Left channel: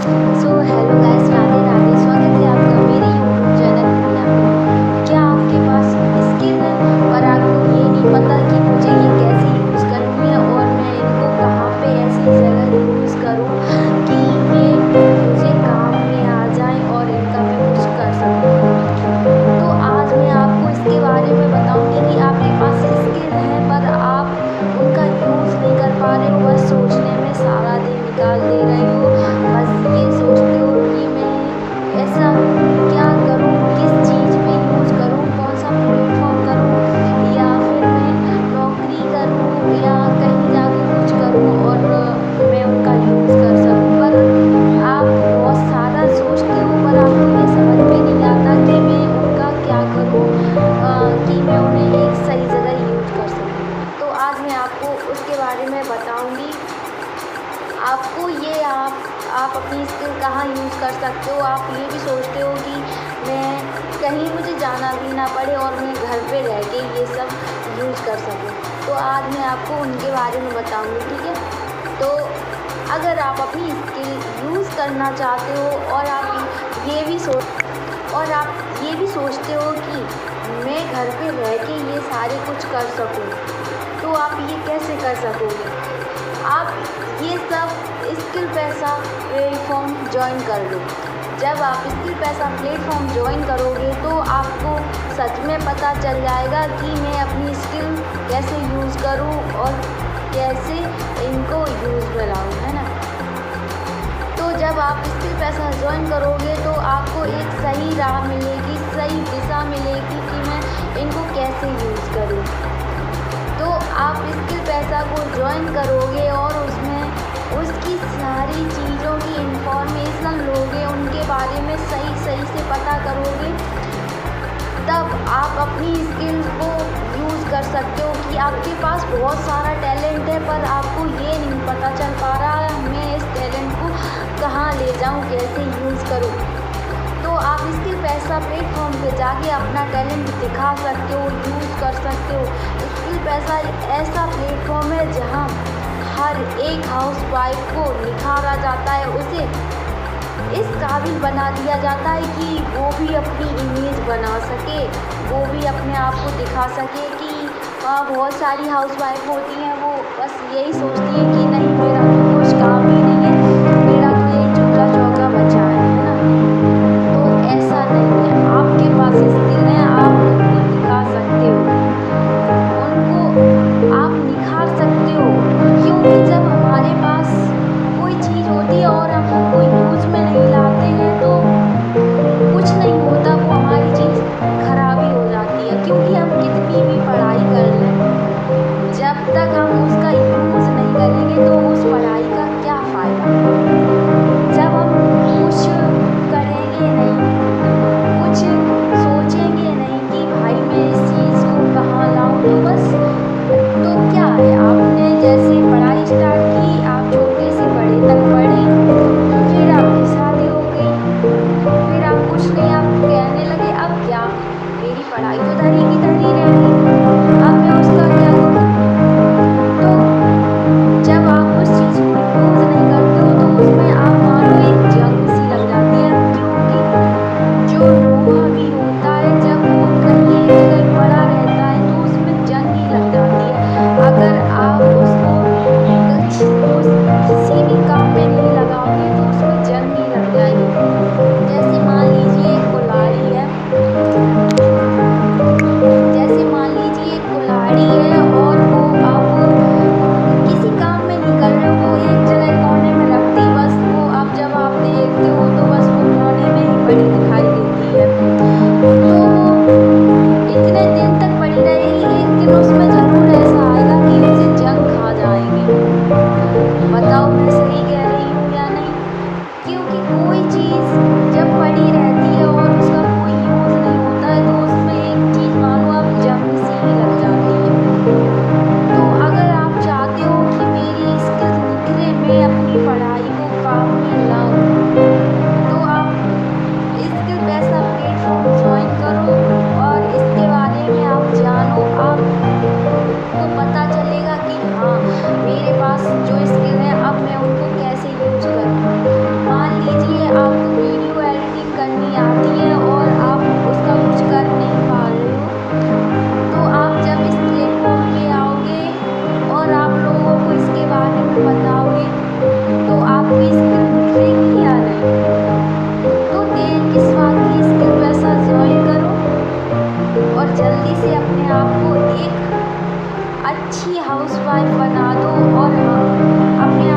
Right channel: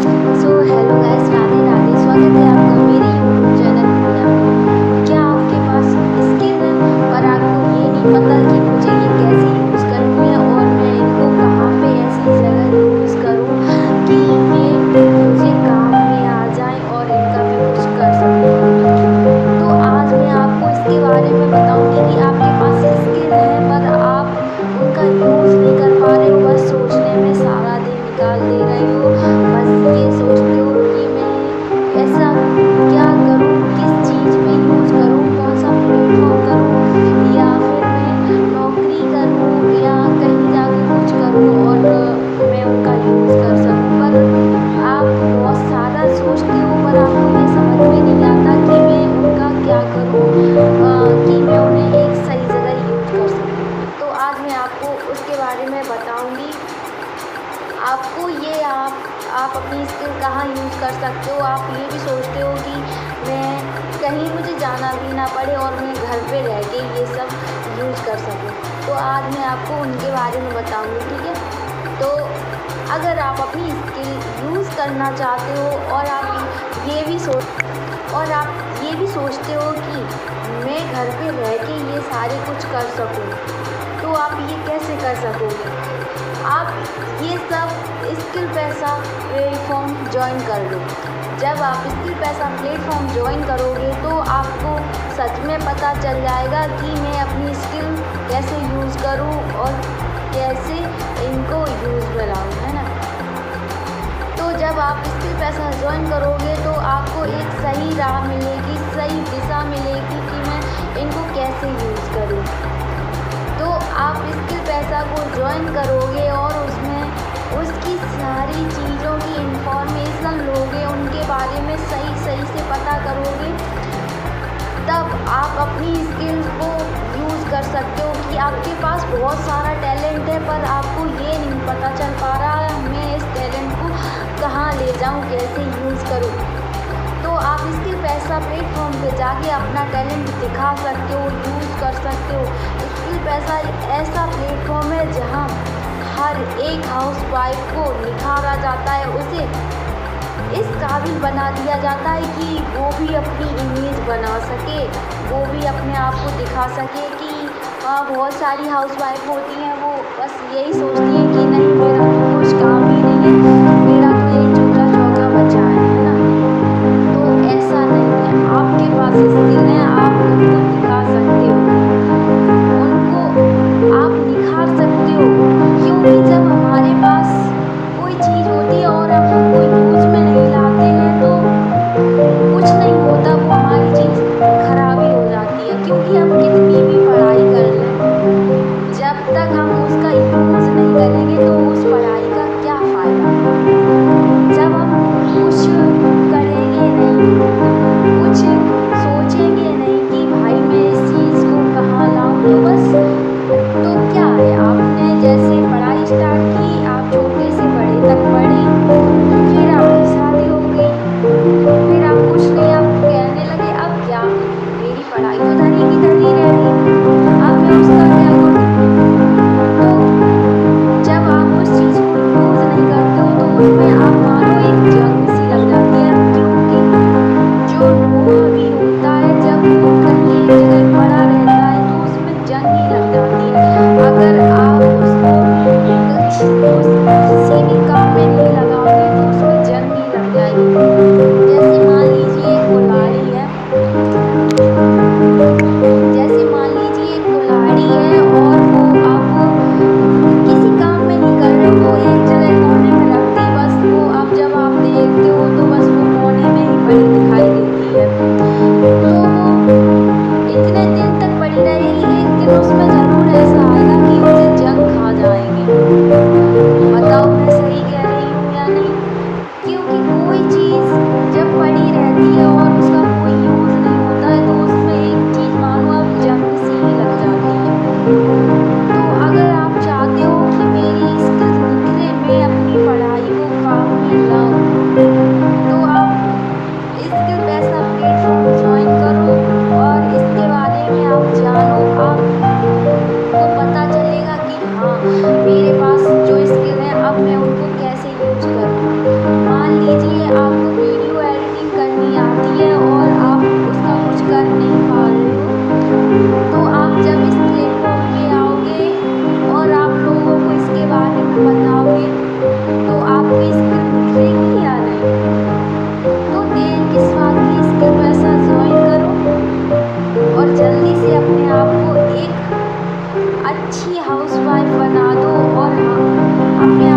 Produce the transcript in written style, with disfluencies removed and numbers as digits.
Hello guys, Radhe Radhe. स्वागत है आपका मेरे यूट्यूब चैनल मीना पे। क्या आपके पास स्किल है पर आपको ये नहीं पता कि मुझे ये कैसे यूज़ करनी है और मैं इनको कहाँ पे ऐसी जगह यूज़ करूँ कि ये मुझे काम में आ जाए और इनका मैं कुछ कर सकूँ। तो आज मैं आपको इसके बारे में बताऊँगी कि आपके पास स्किल है पर आप उनका यूज़ नहीं कर पा रहे हो, बस सोचने में सारा दिन निकाल दे रहे हो। बस ये सोचते हो कि मैं ऐसा क्या करूं, किस चीज़ पे यूज़ करूं, कौन सा प्लेटफॉर्म करूं, या फिर मैं नौकरी करूं या कहीं जाके कुछ करूं और मैं उनका यूज़ कर सकूं। पर आप बहुत सारा सोचते हो पर आपको ये समझ में नहीं आता कि मैं उनका क्या करूं कि मैं उन्हें एक सही जगह यूज़ कर सकूं। तो आज मैं आपको उसके बारे में बताऊंगी। आपको ये आप अपनी स्किल कहाँ यूज़ कर सकते हो। आप ये भी सोचते हो कि मैं कहीं मुझे जाना भी ना पड़े और मैं घर पे रह के ये सब यूज़ कर सकूं। तो आज मैं आपको उनके बारे में बताऊंगी, ठीक है। तो अगर आप अपनी स्किल यूज़ करना चाहते हो और आप ये भी सोचते हो कि मैं घर पे रह के ये सारे कुछ कर सकूं, तो आप ये कैसे कर सकोगे। आप ये सब स्किल पैसा प्लेटफॉर्म ज्वाइन कर लो। जब आप स्किल पैसा प्लेटफॉर्म ज्वाइन करोगे तो आपको सच में पता चल जाएगा कि मैं अपनी स्किल कैसे यूज़ करूं और कैसे इनको यूज़ में लाऊं, है ना। तो जब आप स्किल पैसा ज्वाइन करोगे तो आपको एक सही राह मिलेगी, सही दिशा मिलेगी कि मैं इनको कैसे यूज़ करूं। तो आप स्किल पैसा को ज्वाइन करोगे और उसकी सारी चीज़ों की इंफॉर्मेशन लोगे, उनके बारे में सही से पता करोगे। तब आप अपनी स्किल्स को यूज़ कर सकते हो कि आपके पास बहुत सारा टैलेंट है पर आपको ये नहीं पता चल पा रहा है मैं इस टैलेंट को कहाँ ले जाऊँ, कैसे यूज़ करूँ। तो आप स्किल पैसा प्लेटफॉर्म पे जाके अपना टैलेंट दिखा सकते हो, यूज़ कर सकते हो। स्किल पैसा एक ऐसा प्लेटफॉर्म है जहाँ हर एक हाउसवाइफ को निखारा जाता है, उसे इस काबिल बना दिया जाता है कि वो भी अपनी इमेज बना सके, वो भी अपने आप को दिखा सके कि बहुत सारी हाउसवाइफ होती हैं वो बस यही सोचती हैं कि नहीं मेरा तो कुछ काम ही नहीं है, मेरा तो यही चूल्हा चौका बचा है ना। तो ऐसा नहीं है, आपके पास स्किल है, आप उनको दिखा सकते हो, उनको आप निखार सकते हो। क्योंकि जब हमारे पास कोई चीज़ होती है और हम उनको यूज़ में नहीं लाते हैं तो कुछ नहीं होता, वो हमारी चीज़ खराब ही हो जाती है। क्योंकि हम कितनी भी पढ़ाई कर लें, जब तक हम उसका यूज़ नहीं करेंगे तो उस पढ़ाई का क्या फ़ायदा। जब हम कुछ करेंगे नहीं, कुछ सोचेंगे नहीं कि भाई मैं इस चीज़ को कहाँ लाऊं, तो बस तो क्या है, आपने जैसे पढ़ाई स्टार्ट की, आप छोटे से बड़े तक पढ़े, फिर आपकी शादी हो गई, फिर आप कुछ नहीं, आप कहने लगे अब क्या, मेरी पढ़ाई तो धरी की धरी रह गई, अब मैं उसका क्या करूँ। तो जब आप उस चीज़ को यूज़ नहीं करते हो तो उसमें आप मानो एक जंग सी लग जाती है। क्योंकि जो लोहा भी होता है जब वो कहीं एक जगह पड़ा रहता है तो उसमें जंग ही लग जाती है। अगर आप उसको किसी भी काम में नहीं लगाओगे तो उसमें जंग ही लग जाएगी। जैसे मान लीजिए एक कुल्हाड़ी है, और वो आप किसी काम में नहीं कर रहे हो, वो एक जगह कोने में रख दी, बस वो अब जब आप देखते हो तो बस वो कोने में ही पड़ी दिखाई देती है। तो वो इतने दिन तक पड़ी रहेगी, एक दिन उसमें ज़रूर ऐसा आएगा कि उसे जंग खा जाएंगे। बताओ मैं सही कह रही हूँ या नहीं। क्योंकि कोई चीज़ जब पड़ी रहती है और उसका कोई यूज़ नहीं होता है तो उसमें एक चीज़ मानो अब जंग सी ही लग जाती है। तो अगर आप चाहते हो कि मेरी स्किल निखरे, मैं अपनी पढ़ाई को काम में लाऊं, तो आप स्किल पैसा प्लेटफॉर्म ज्वाइन करो और इसके बारे में आप जानो। आपको पता चलेगा कि हाँ मेरे पास जो स्किल है अब मैं उनको कैसे यूज करूँ। मान लीजिए आपको वीडियो एडिटिंग करनी आती है और आप उसका कुछ कर नहीं पा रहे हो, तो आप जब इस प्लेटफॉर्म पे आओगे और आप लोगों को इसके बारे में बताओगे तो आपकी स्किल निखरेगी या नहीं। तो देर किस बात की, स्किल पैसा ज्वाइन करो और जल्दी से अपने आप को एक अच्छी हाउसवाइफ बना दो और हाँ, अपने